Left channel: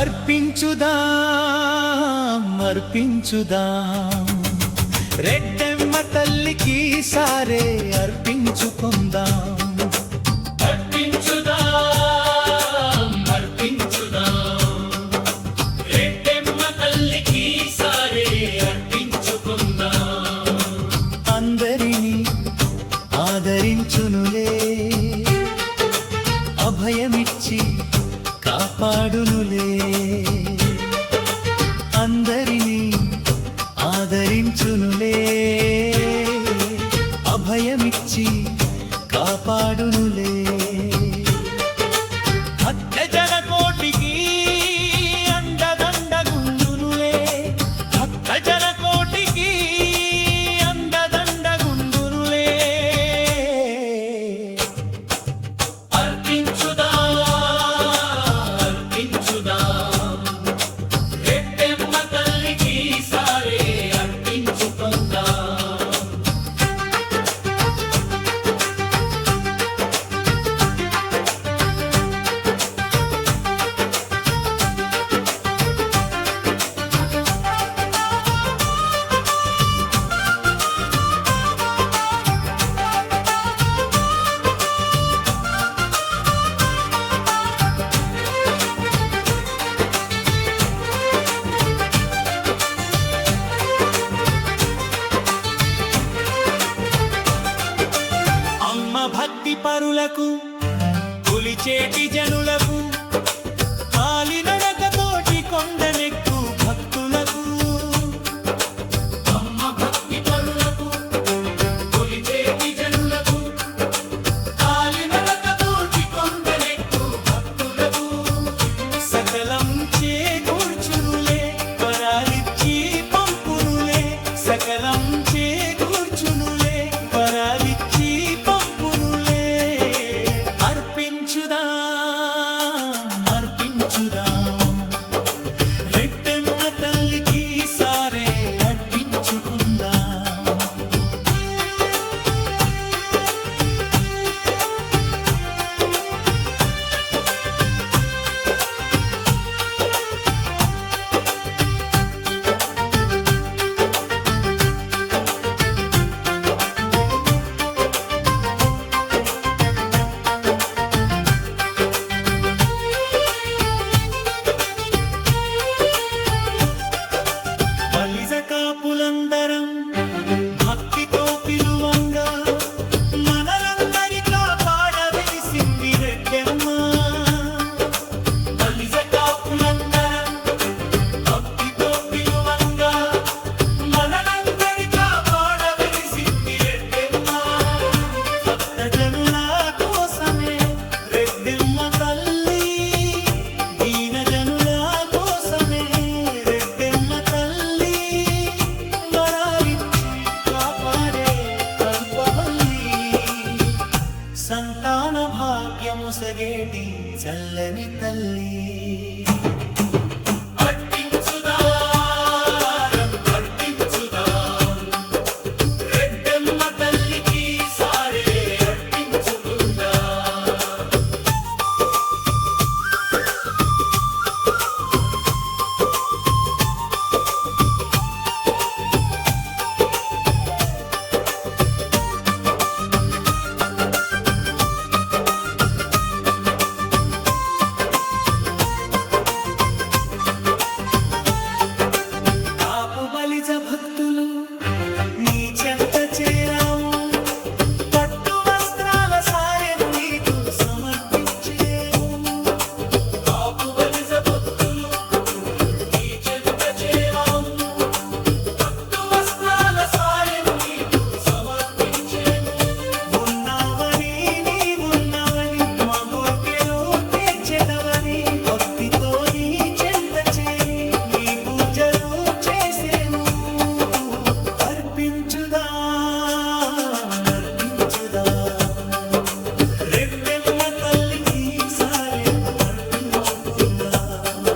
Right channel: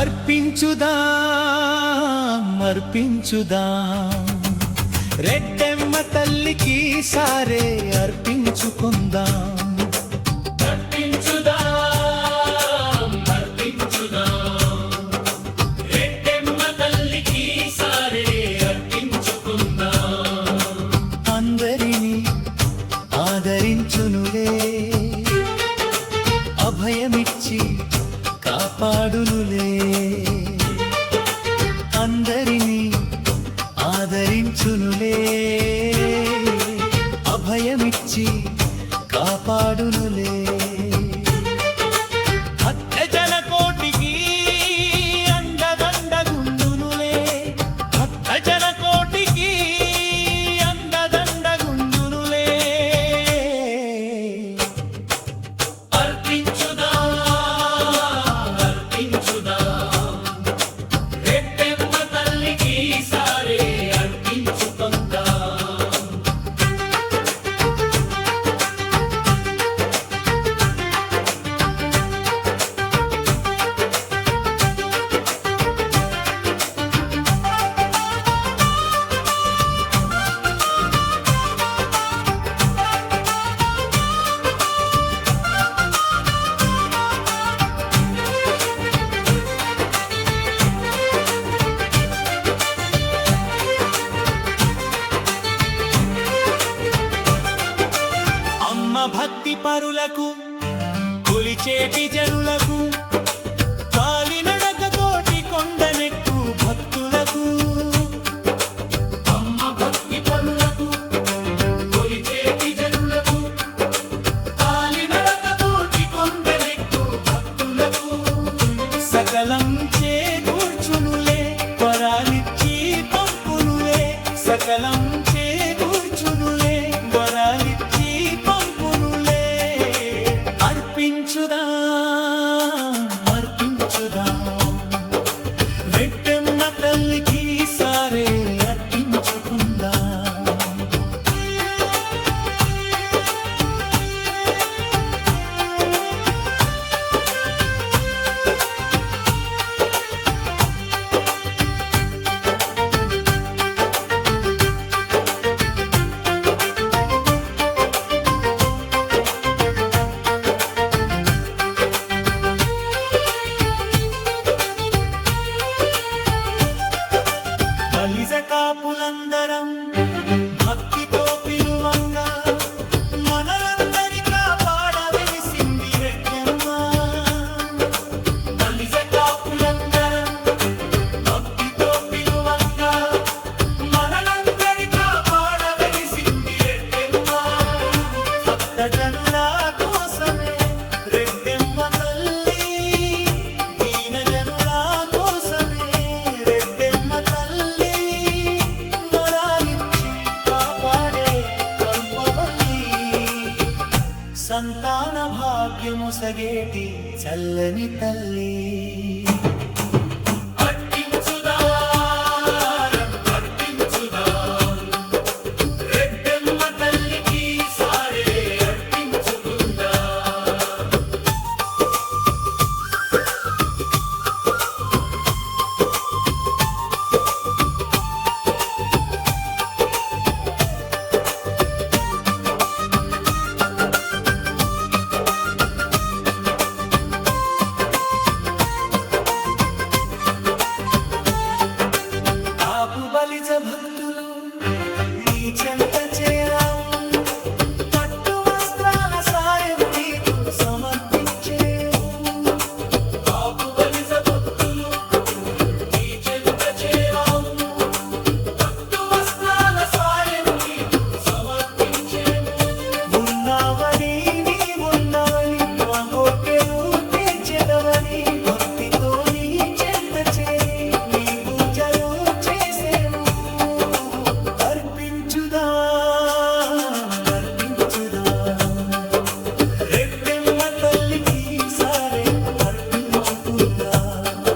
అర్పించుదాం అర్పించుదాం రెడ్డెమ్మ తల్లికి సారే అర్పించుకుందాం. అర్పించుదాం అర్పించుదాం రెడ్డెమ్మ తల్లికి సారే అర్పించుకుందాం. అందరినీ ఆదరించునులే, అభయమిచ్చి కాపాడునులే. అందరినీ ఆదరించునులే, అభయమిచ్చి కాపాడునులే. భక్తజన కోటికి అండదండగుండునులే, భక్తజన కోటికి అండదండగుండునులే. అమ్మ భక్తి పరులకు, కొలిచేటి జనులకు, కాలినడకతోటి కొండనెక్కు భక్తులకు. అమ్మ భక్తి పరులకు, కొలిచేటి జనులకు, కాలినడకతోటి కొండనెక్కు భక్తులకు. సకలం చేకూర్చునులే, వరాలిచ్చి పంపునులే. సకలం చేకూర్చునులే, వరాలిచ్చి పంపునులే. అర్పించుదాం అర్పించుదాం రెడ్డెమ్మ తల్లికి సారే అర్పించుకుందాం. బలిజ కాపులందరం భక్తితో పిలువంగా, మనలందరి కాపాడ వెలిసింది రెడ్డెమ్మ. బలిజ కాపులందరం భక్తితో పిలువంగా, మనలందరి కాపాడ వెలిసింది రెడ్డెమ్మ. భక్తజనుల కోసమే రెడ్డెమ్మ తల్లి, దీన జనుల కోసమే రెడ్డెమ్మ తల్లి. వరాలిచ్చి కాపాడే కల్పవల్లి, సంతాన భాగ్యము సగేటి చల్లని తల్లి. కాపు బలిజ భక్తులు నీ చెంత చేరాము, పట్టు వస్త్రాల సాయం నీకు సమర్పించేము. కాపు బలిజ భక్తులు నీ చెంత చేరాము, పట్టు వస్త్రాల సాయం నీకు సమర్పించేము. ఉన్నావని నీవున్నవని మా కోర్కెలు తీర్చెదవని, భక్తితో నీ చెంత చేరి నీ పూజలు చేసేను. అర్పించుదాం అర్పించుదాం రెడ్డెమ్మ తల్లికి సారే అర్పించుకుందాం.